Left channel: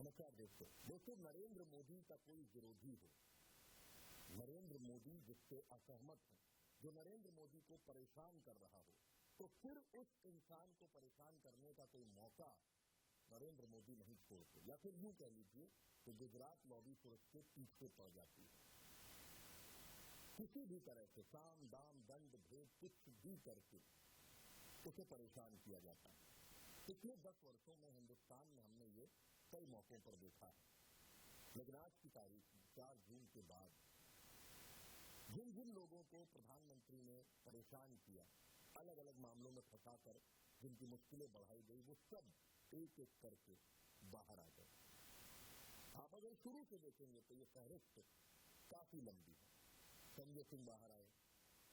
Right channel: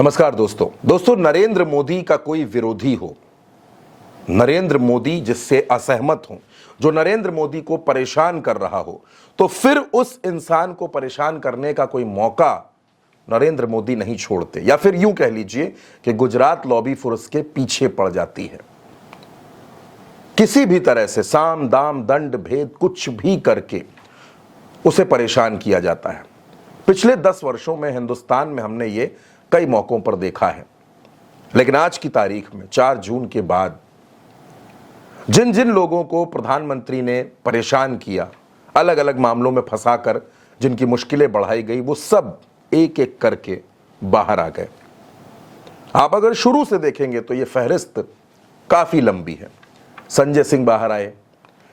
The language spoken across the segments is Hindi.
नमस्कार दोस्तों नरेंद्र मोदी का कोई विरोधी हो, नरेंद्र मोदी जिससे असहमत हो, जो नरेंद्र मोदी को परेशान कर रहा हो, तो फिर उस इंसान को परेशान करने का कोई मौका नरेंद्र मोदी नहीं छोड़ते, या फिर यूं कह लीजिए कि गुजरात लॉबी फोर्स के पीछे पड़ जाती है। किसी भी तरह से साम दाम दंड भेद कुछ भी करके उसे परेशान किया जाता है। पिछले 10 वर्षों में हिंदुस्तान में हमने ये कई मौकों पर देखा है, लेकिन आज की तारीख में 4 जून के बाद जिन जिन लोगों को प्रधानमंत्री ने परेशान किया, अलग अलग मामलों में फंसाकर जिनकी मुश्किलें बढ़ाई गई, वो सब एक एक करके बाहर आ गए। आप अगर शुरू से देखेंगे तो ये फहरिस्त काफी लंबी है। संजय सिंह बाहर आए,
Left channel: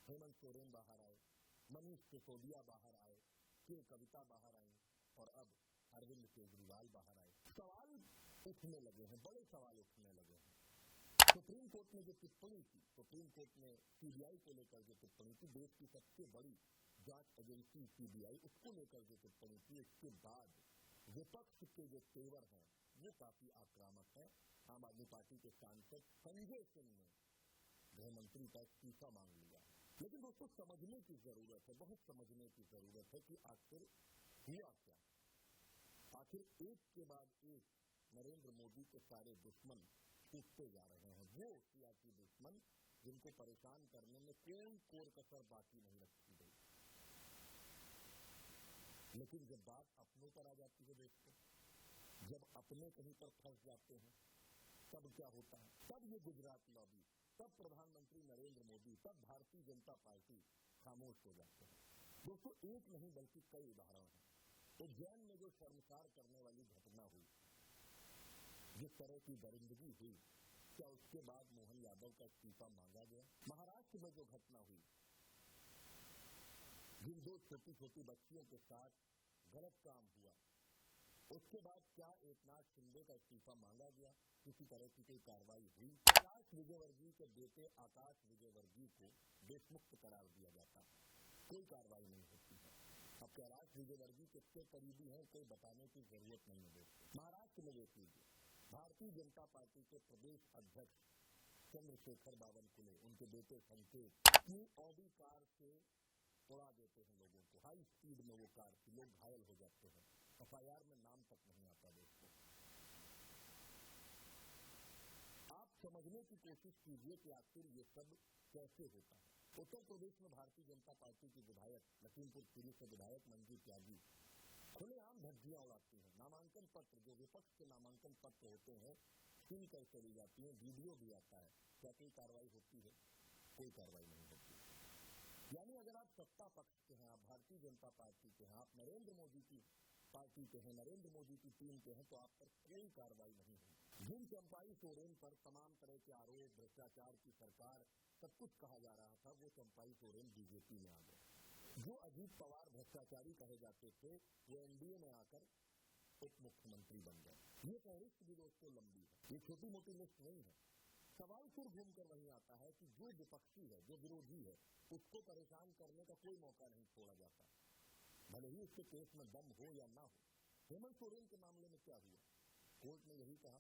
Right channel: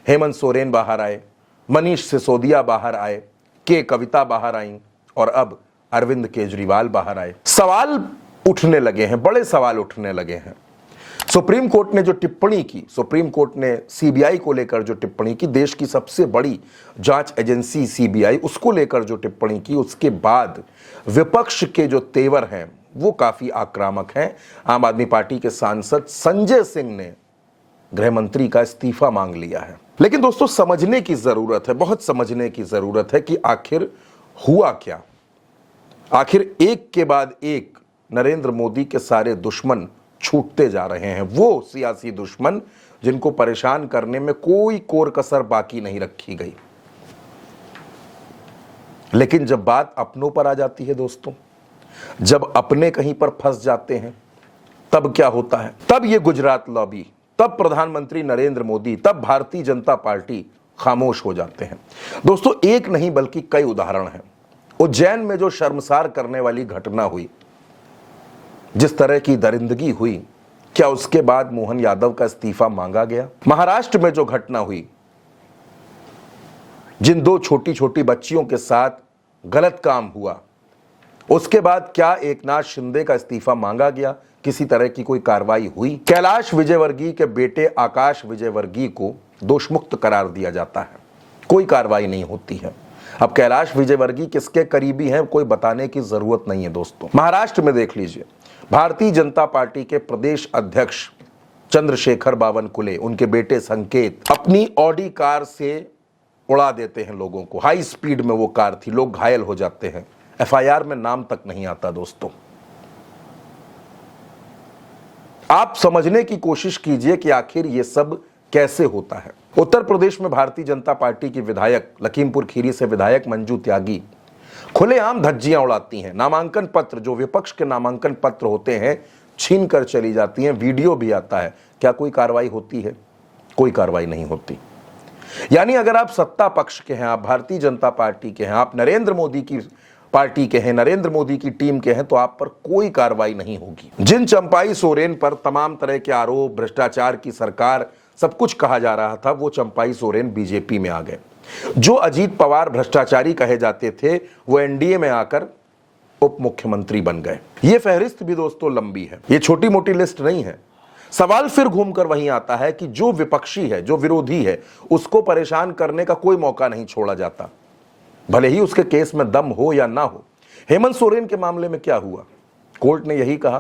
हेमंत सोरेन बाहर आए, मनीष सिसोदिया बाहर आए, के कविता बाहर आई, और अब अरविंद केजरीवाल बाहर आए। सवाल उठने लगे हैं, बड़े सवाल उठने लगे हैं। सुप्रीम कोर्ट ने जो टिप्पणी की, सुप्रीम कोर्ट ने सीबीआई को लेकर जो टिप्पणी की, देश की सबसे बड़ी जांच एजेंसी सीबीआई, उसको लेकर जो टिप्पणी की, उसके बाद विपक्ष के जो तेवर हैं वो काफी आक्रामक हैं। आम आदमी पार्टी के सांसद संजय सिंह ने गृह मंत्री का इस्तीफा मांग लिया है। लेकिन दोस्तों समझने की जरूरत है, बहुत समझने की जरूरत है कि आखिर हुआ क्या। आखिर एक के बाद एक नरेंद्र मोदी के सारे दुश्मन छूटते जा रहे हैं, वो सियासी दुश्मन जिनको परेशान करने में कोई कोर कसर बाकी नहीं रखी गई। लेकिन जब बात अपनों पर आ जाती है दोस्तों, जब अपने कहीं पर फंस जाते हैं, तब क्या होता है? तब ये गुजरात लॉबी, तब प्रधानमंत्री नरेंद्र मोदी, तब भारतीय जनता पार्टी खामोश हो जाते हैं। दोस्तों एक नहीं बल्कि कई उदाहरण हैं। उज्जैन में जो शर्मसार करने वाली घटना हुई, जिस तरह की दरिंदगी हुई, क्या उसके बाद मोहन यादव का इस्तीफा मांगा गया? महाराष्ट्र में जो घटना हुई, जिन 2 छोटी छोटी बच्चियों के साथ गलत काम हुआ, उसके बाद क्या एकनाथ शिंदे का इस्तीफा मांगा गया? किसी तरह की कोई कार्रवाई हुई? कैलाश विजयवर्गीय के बेटे आकाश विजयवर्गीय को दोषमुक्त करार दिया जाता है, कोई कार्रवाई नहीं होती है। अब कैलाश विजयवर्गीय किसके करीबी हैं कोई बताने की जरूरत नहीं है दोस्तों। महाराष्ट्र में देख लीजिए, भारतीय जनता पार्टी के प्रदेश अध्यक्ष चंद्रशेखर बावनकुले, उनके बेटे संकेत अपनी ऑडी कार से उड़ा देते हैं लोगों को। हाई स्पीड में वो कार थी, लोग घायल हो जाते हैं, एफआईआर में नाम तक नहीं आता। दोस्तों आप समझने की कोशिश कीजिए कि आखिर ये सब कैसे होता है। उत्तर प्रदेश में भारतीय जनता पार्टी की विधायक, लखीमपुर खीरी से विधायक मंजू त्यागी खुलेआम धज्जियां उड़ाती हैं। नामांकन पत्र, जो विपक्ष के नामांकन पत्र होते हैं, छीन कर चली जाती हैं। वीडियो भी आता है। क्या कोई कार्रवाई होती है? कोई कार्रवाई नहीं होती। यानी अगर आप सत्ता पक्ष के हैं, आप भारतीय जनता पार्टी के हैं, आप नरेंद्र मोदी की पार्टी के हैं, नरेंद्र मोदी की टीम के हैं, तो आप पर कोई कार्रवाई नहीं होगी। जिन चंपाई सोरेन पर तमाम तरह के आरोप, भ्रष्टाचार की सरकार, सब कुछ कहा जा रहा था, वो चंपाई सोरेन बीजेपी में आ गए। जो अजीत पवार भ्रष्टाचारी कहे जाते थे, वो एनडीए में आकर उप मुख्यमंत्री बन गए। ये फहरिस्त भी दोस्तों लंबी है, ये छोटी मोटी लिस्ट नहीं है। सवाल फिर घूमकर वहीं आता है कि जो विपक्षी है, जो विरोधी है, उसको परेशान करने का कोई मौका नहीं छोड़ा जाता, भले ही उसके केस में दम हो या ना हो। हेमंत सोरेन के मामले में क्या हुआ? कोर्ट ने यही कहा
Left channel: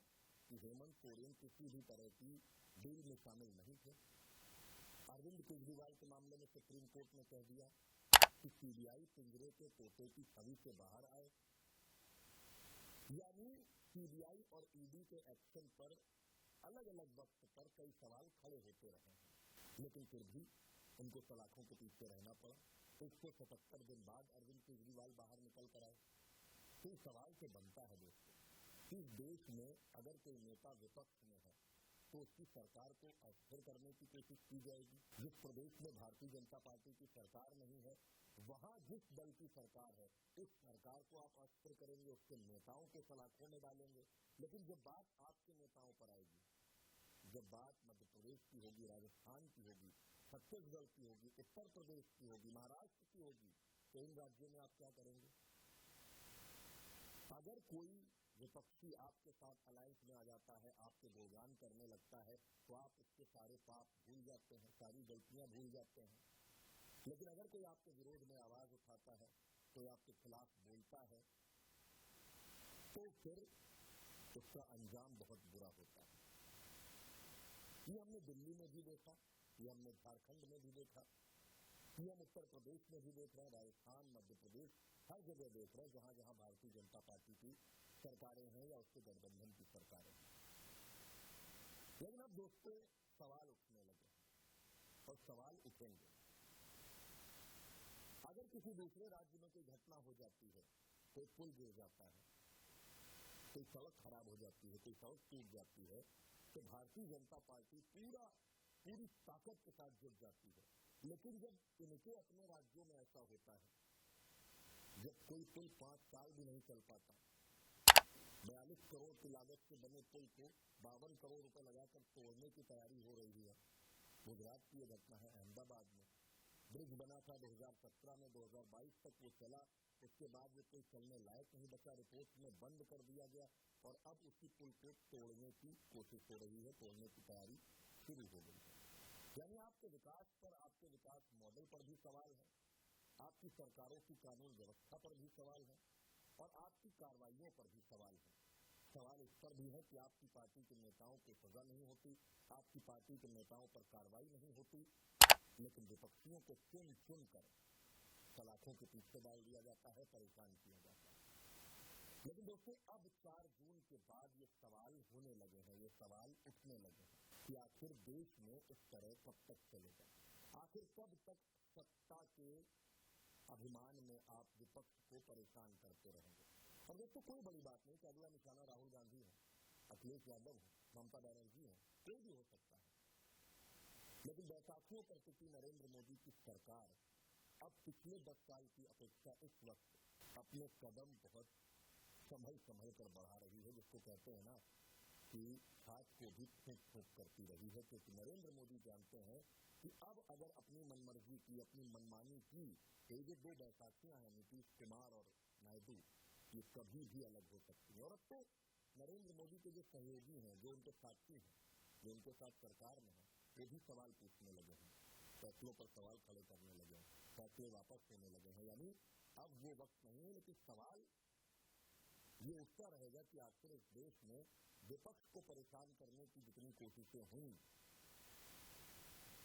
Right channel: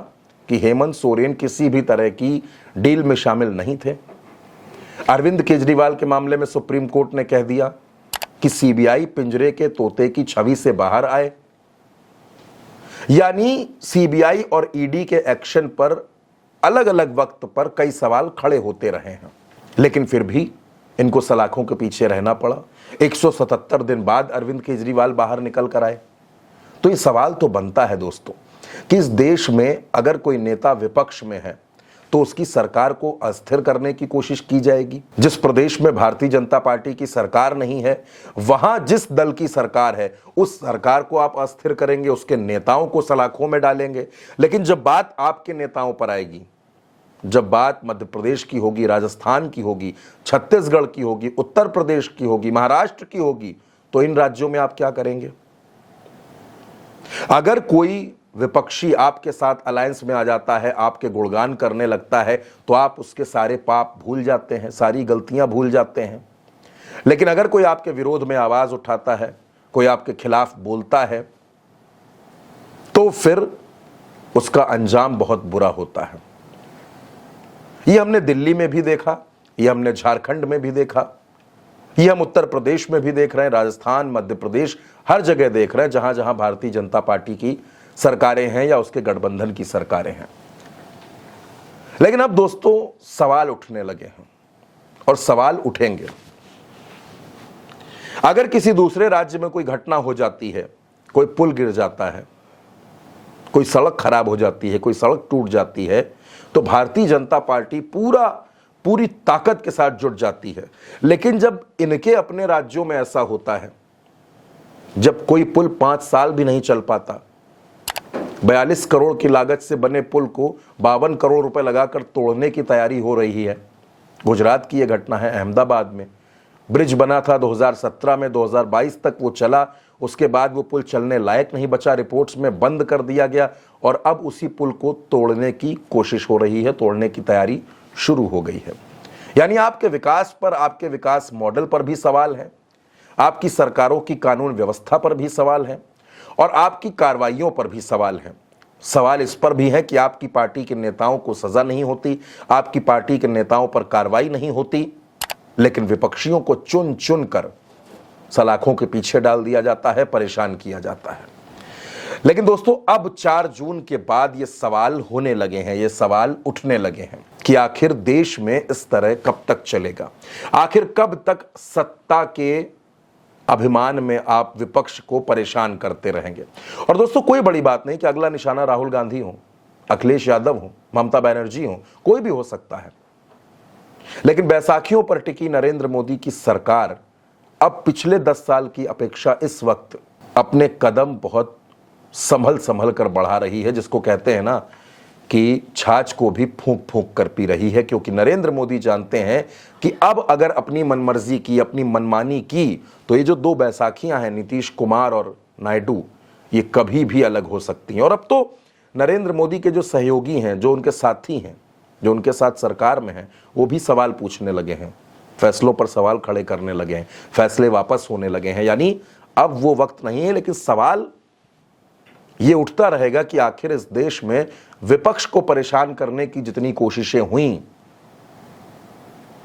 कि हेमंत सोरेन किसी भी तरह की डील में शामिल नहीं थे। अरविंद केजरीवाल के मामले में सुप्रीम कोर्ट ने कह दिया कि सीबीआई पिंजरे के तोते की छवि से बाहर आए। यानी सीबीआई और ईडी के एक्शन पर अलग अलग वक्त पर कई सवाल खड़े होते रहे हैं, लेकिन फिर भी इनको सलाखों के पीछे रहना पड़ा। 177 दिन बाद अरविंद केजरीवाल बाहर निकल कर आए। तो ये सवाल तो बनता है दोस्तों कि इस देश में अगर कोई नेता विपक्ष में है तो उसकी सरकार को अस्थिर करने की कोशिश की जाएगी। जिस प्रदेश में भारतीय जनता पार्टी की सरकार नहीं है, वहां जिस दल की सरकार है, उस सरकार को आप अस्थिर करेंगे, उसके नेताओं को सलाखों में डालेंगे। लेकिन जब बात आपके नेताओं पर आएगी, जब बात मध्य प्रदेश की होगी, राजस्थान की होगी, छत्तीसगढ़ की होगी, उत्तर प्रदेश की होगी, महाराष्ट्र की होगी, तो इन राज्यों में आप क्या करेंगे? अगर कोई विपक्षी आपके साथ अलायंस में आ जाता है, आपके गुणगान करने लगता है, तो आप उसके सारे पाप भूल जाते हैं, सारी गलतियां भूल जाते हैं। लेकिन अगर कोई आपके विरोध में आवाज उठाता है, कोई आपके खिलाफ बोलता है, तो फिर उसका अंजाम बहुत बुरा होता है। ये हमने दिल्ली में भी देखा, ये हमने झारखंड में भी देखा, ये हम उत्तर प्रदेश में भी देख रहे हैं, राजस्थान, मध्य प्रदेश, हर जगह देख रहे हैं जहां जहां भारतीय जनता पार्टी की सरकारें हैं या उसके गठबंधन की सरकारें हैं। लेकिन अब दोस्तों सवाल उठने लगे हैं और सवाल उठेंगे। अगर किसी दूसरे राज्य में कोई घटना हो जाती है, कोई पुल गिर जाता है, कोई सड़क खराब हो जाती है, कोई सड़क टूट जाती है, तो भारतीय जनता पार्टी पूरी ताकत के साथ जुट जाती है। लेकिन जब इनके अपने राज्यों में ऐसा होता है, जब कोई पुल 5 साल भी नहीं चल पाता, 42 करोड़ की लागत से बने पुल को 52 करोड़ रुपए लगाकर तोड़ने की तैयारी हो रही है। गुजरात की यह घटना है, अहमदाबाद में ब्रिज बना था 2017 में, 2022 तक वो चला, उसके बाद वो पुल चलने लायक नहीं बचा, रिपोर्ट्स में बंद कर दिया गया और अब उसी पुल को तोड़ने की कोशिश हो रही है, तोड़ने की तैयारी शुरू हो गई है। यानी आपके विकास पर, आपके विकास मॉडल पर भी सवाल है, आपकी सरकारों की कानून व्यवस्था पर भी सवाल है और आपकी कार्रवाइयों पर भी सवाल है। सवाल इस पर भी है कि आपकी पार्टी के नेताओं को सजा नहीं होती, आपकी पार्टी के नेताओं पर कार्रवाई नहीं होती, लेकिन विपक्षियों को चुन चुन कर सलाखों के पीछे डाल दिया जाता है, परेशान किया जाता है। लेकिन दोस्तों अब 4 जून के बाद ये सवाल होने लगे हैं, ये सवाल उठने लगे हैं कि आखिर देश में इस तरह कब तक चलेगा, आखिर कब तक सत्ता के अभिमान में आप विपक्ष को परेशान करते रहेंगे। और दोस्तों कोई बड़ी बात नहीं कि अगला निशाना राहुल गांधी हो, अखिलेश यादव हो, ममता बनर्जी हो, कोई भी हो सकता है। लेकिन बैसाखियों पर टिकी नरेंद्र मोदी की सरकार अब पिछले 10 साल की अपेक्षा इस वक्त अपने कदम बहुत संभल कर बढ़ा रही है, जिसको कहते हैं ना कि छाछ को भी फूंक फूंक कर पी रही है, क्योंकि नरेंद्र मोदी जानते हैं कि अब अगर अपनी मनमर्जी की, अपनी मनमानी की, तो ये जो 2 बैसाखियां हैं, नीतीश कुमार और नायडू, ये कभी भी अलग हो सकती हैं। और अब तो नरेंद्र मोदी के जो सहयोगी हैं, जो उनके साथी हैं, जो उनके साथ सरकार में हैं, वो भी सवाल पूछने लगे हैं, फैसलों पर सवाल खड़े करने लगे हैं, फैसले वापस होने लगे हैं। यानी अब वो वक्त नहीं है, लेकिन सवाल ये उठता रहेगा कि आखिर इस देश में विपक्ष को परेशान करने की जितनी कोशिशें हुई,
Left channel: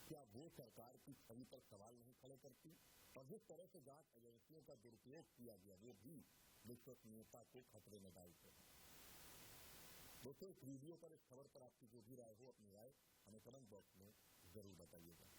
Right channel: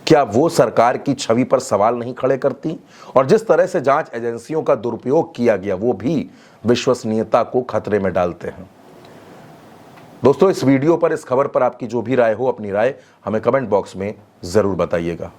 क्या वो सरकार की छवि पर सवाल नहीं खड़े करती? और जिस तरह से जांच एजेंसियों का दुरुपयोग किया गया, वो भी विश्वसनीयता को खतरे में डालते हैं। दोस्तों इस वीडियो पर, इस खबर पर आपकी जो भी राय हो, अपनी राय हमें कमेंट बॉक्स में जरूर बताइएगा।